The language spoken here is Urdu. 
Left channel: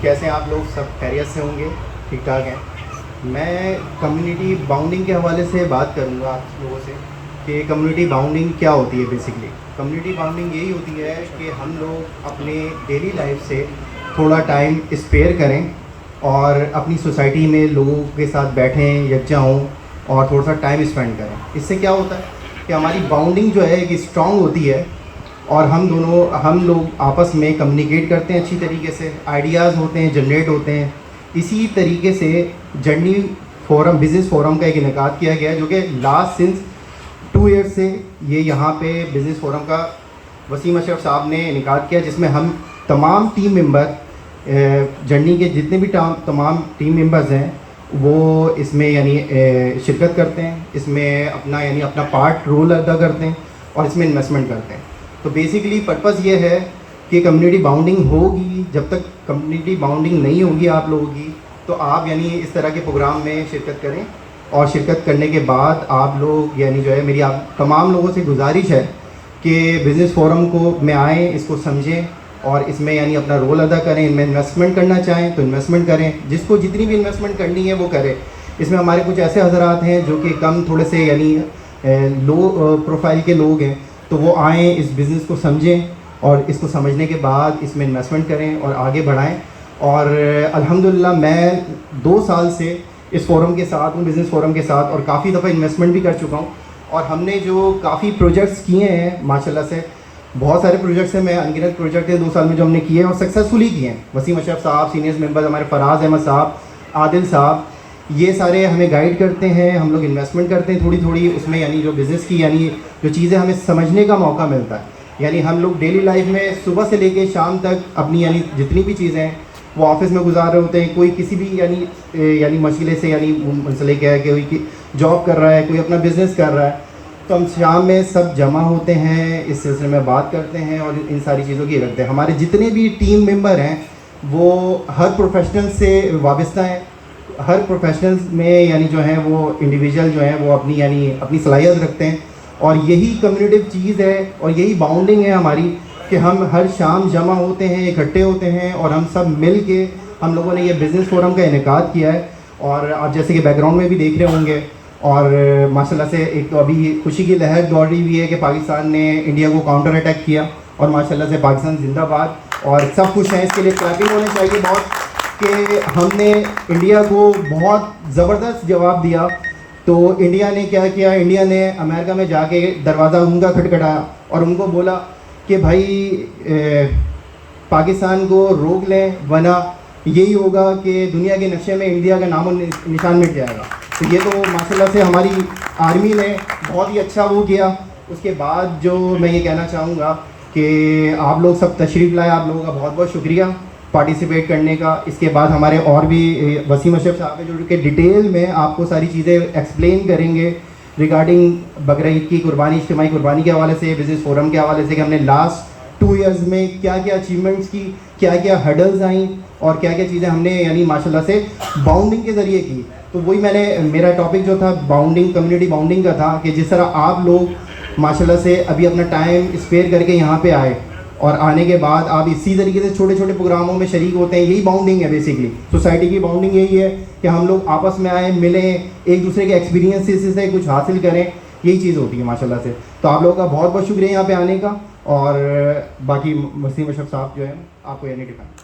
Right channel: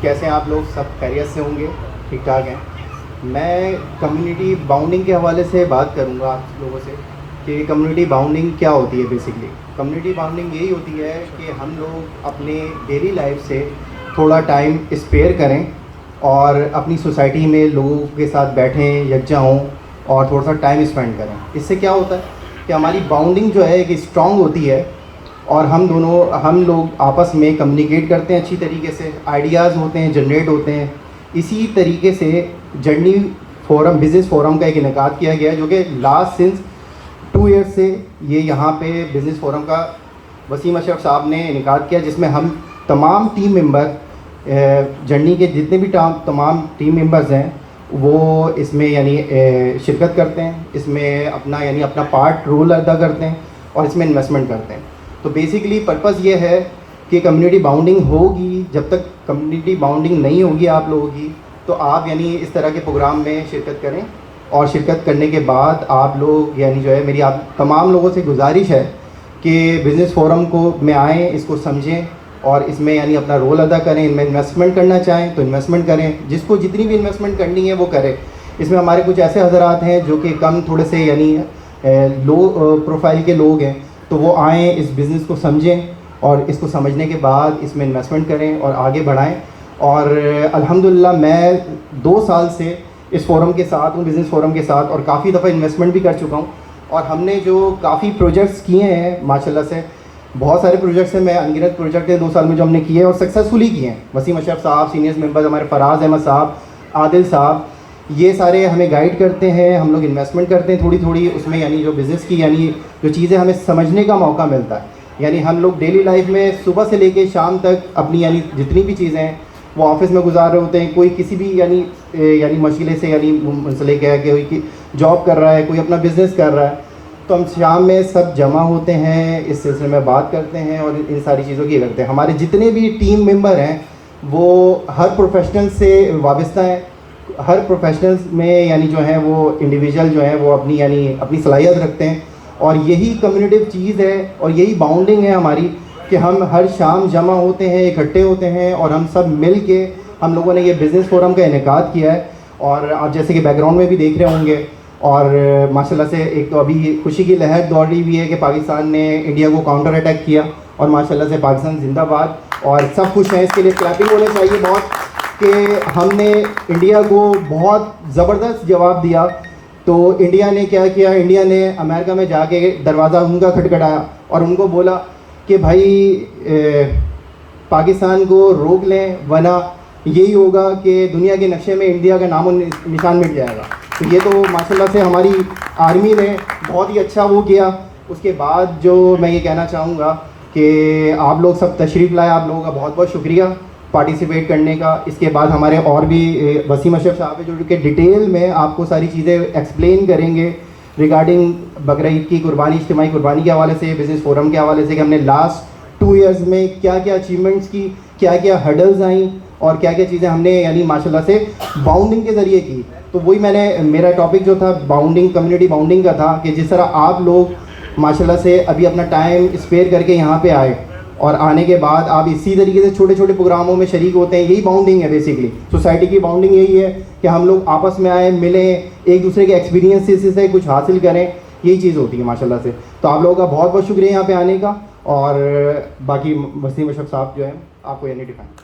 کیسے ہیں آپ لوگ؟ سب خیریت سے ہوں گے؟ ٹھیک ٹھاک ہیں؟ میں کمیونٹی باؤنڈنگ کے حوالے سے بات کروں گا آپ لوگوں سے کہ کمیونٹی باؤنڈنگ کیا ہوتی ہے. بیسکلی کمیونٹی باؤنڈنگ یہی ہوتی ہے کہ ہم لوگ اپنے ڈیلی لائف سے تھوڑا ٹائم اسپیئر کریں اور اپنی سوسائٹی میں لوگوں کے ساتھ بیٹھیں، یکجا ہوں اور تھوڑا سا ٹائم اسپینڈ کریں. اس سے کیا ہوتا ہے کہ ہماری باؤنڈنگ جو ہے کہ اسٹرانگ ہوتی ہے اور ہم لوگ آپس میں کمیونیکیٹ کرتے ہیں اچھی طریقے سے، آئیڈیاز ہوتے ہیں، جنریٹ ہوتے ہیں. اسی طریقے سے جرنی فورم، بزنس فورم کا ایک انعقاد کیا گیا ہے جو کہ لاسٹ سنس 2 ایئرس سے یہ یہاں پہ بزنس فورم کا وسیم اشرف صاحب نے انعقاد کیا، جس میں ہم تمام ٹیم ممبر، جرنی کے جتنے بھی تمام ٹیم ممبرز ہیں وہ اس میں شرکت کرتے ہیں، اس میں اپنا پارٹ رول ادا کرتے ہیں اور اس میں انویسٹمنٹ کرتے ہیں. تو بیسیکلی پرپز یہ ہے کہ کمیونٹی باؤنڈنگ ہوگی. جب تک کمیونٹی باؤنڈنگ نہیں ہوگی آپ لوگوں کی تو آپ اس طرح کے پروگرام میں شرکت کریں، اور شرکت کرنے کے بعد آپ لوگ میری آپ تمام لوگوں سے گزارش ہے کہ بزنس فورم کو میں آئیں، اس کو سمجھیں اور اس میں اپنا رول ادا کریں. ان میں انویسٹمنٹ کرنا چاہیں تو انویسٹمنٹ کریں، جس کو جتنی بھی انویسٹمنٹ کرنی ہے وہ کرے. اس میں ہمارے کچھ ایسے حضرات ہیں جو کہ کم تھوڑے سے لو پروفائل کے لوگ ہیں، تو وہ آئیں، اس بزنس کو سمجھیں اور اس کو سمجھنے کے بعد اس میں انویسٹمنٹ کریں اور آگے بڑھائیں. اور الحمدللہ میں 2 سال سے اس فورم کے ساتھ ہوں، بزنس فورم کے ساتھ، اور کافی دفعہ انویسٹمنٹ بھی کر چکا ہوں. اور ہم نے جو کافی پروجیکٹس کیے ہیں ماشاءاللہ سے، بہت سارے پروجیکٹس ہیں، میں انگنت پروجیکٹ ہیں 2 سال میں جو ہم نے کیے ہیں اور سکسیزفلی کیے ہیں. وسیم اشرف صاحب، سینئرز ممبرز ہمارے فراز احمد صاحب، عادل صاحب، یہ سارے ہمیں گائیڈ کرتے ہیں. ہم لوگ انویسٹمنٹ کرتے ہیں تھوڑی تھوڑی اس میں، جو بزنس کی جو چیزیں ہمیں سمجھنے کا موقع ملتا ہے. ہم لوگ ڈیلی لائف میں صبح سے لے کے شام تک اپنی جتنی بھی چیزیں ہیں وہ آفس میں گزار رہے ہوتے ہیں. کوئی کسی بھی مشغلے سے مسئلے کیا ہے کہ کوئی جاب کر رہا ہے، کوئی اپنا بزنس کر رہا ہے، تو ہم شام میں سب جمع ہوتے ہیں، اس سلسلے میں بات کرتے ہیں اور ان ساری چیزوں کی کرتے ہیں. ہمارے جتنے بھی ٹیم ممبر ہیں وہ ہر پروفیشنل سے وابستہ ہیں. ہر پروفیشنلز میں جو ہیں وہ انڈیویجول جو ہیں وہ اپنی صلاحیت رکھتے ہیں. اور یہی کمیونٹیو چیز ہے اور یہی باؤنڈنگ ہے ہماری کہ ہم ہر شام جمع ہوتے ہیں، اکٹھے ہوتے ہیں اور ہم سب مل کے ہم لوگوں نے یہ بزنس فورم کا انعقاد کیا ہے. اور آپ جیسے کہ بیک گراؤنڈ میں بھی دیکھ رہے ہوں گے، اور ماشاءاللہ سے ایک تو ابھی خوشی کی لہر دوڑ رہی ہوئی ہے کہ پاکستان نے انڈیا کو کاؤنٹر اٹیک کیا، اور ماشاءاللہ سے پاکستان زندہ باد، اور سب خوش ہیں. اس کے لیے کلیپنگ ہونے چاہیے بہت کہ ہم نے انڈیا کو بہت زبردست جواب دیا. تو انڈیا نے کیا کیا، انڈیا نے امریکہ میں جا کے دروازہ ان کا کھٹکھٹایا اور ان کو بولا کہ بھائی پاکستان کو روک لیں، ورنہ یہی ہوگا کہ دنیا کے نقشے میں انڈیا کا نام و نشان مٹ جائے گا. تو یہ تو ماشاءاللہ سے ہماری آرمی نے بہت ہی اچھا وہ کیا. اس کے بعد جو میں یہ کہنا چاہوں گا کہ آپ لوگ سب تشریف لائے، آپ لوگوں کا بہت بہت شکریہ پارٹیسپیٹ کرنے کا. اس کے بعد ہمارے اور بھی وسیم اشرف صاحب جو کہ ڈیٹیل میں آپ کو ساری چیزیں ایکسپلین کریں گے ریگارڈنگ بقرعید کی قربانی، اجتماعی قربانی کے حوالے سے، بزنس فورم کے حوالے سے کہ ہم نے لاسٹ 2 ایئرز میں کیا کیا اچیومنٹس کی، کیا کیا ہرڈلز آئیں اور کیا کیا چیزیں ہم نے ماشاءاللہ سے باؤنڈنگ کے ذریعے کی. تو وہی میرا ٹاپک جو تھا باؤنڈنگ، کمیونٹی باؤنڈنگ کا تھا کہ جس طرح آپ لوگ ماشاءاللہ سے ابھی اپنا ٹائم اسپیئر کر کے یہاں پہ آئے اور آنے کے بعد آپ اسی طریقے سے چھوٹے چھوٹے پروگراموں میں شریک ہوتے ہیں. یہی باؤنڈنگ ہے بیسکلی. سوسائٹی کی باؤنڈنگ یہی ہے کہ ہم لوگ آپس میں آئیں، ملیں، ایک دوسرے کے ایکسپیرینس سے کچھ حاصل کریں. یہی چیز ہوتی ہے ماشاءاللہ سے. تو آپ لوگوں کا بہت بہت شکریہ یہاں پہ آنے کا. اور باقی وسیم اشرف صاحب جو ہے آپ کو ڈیفائن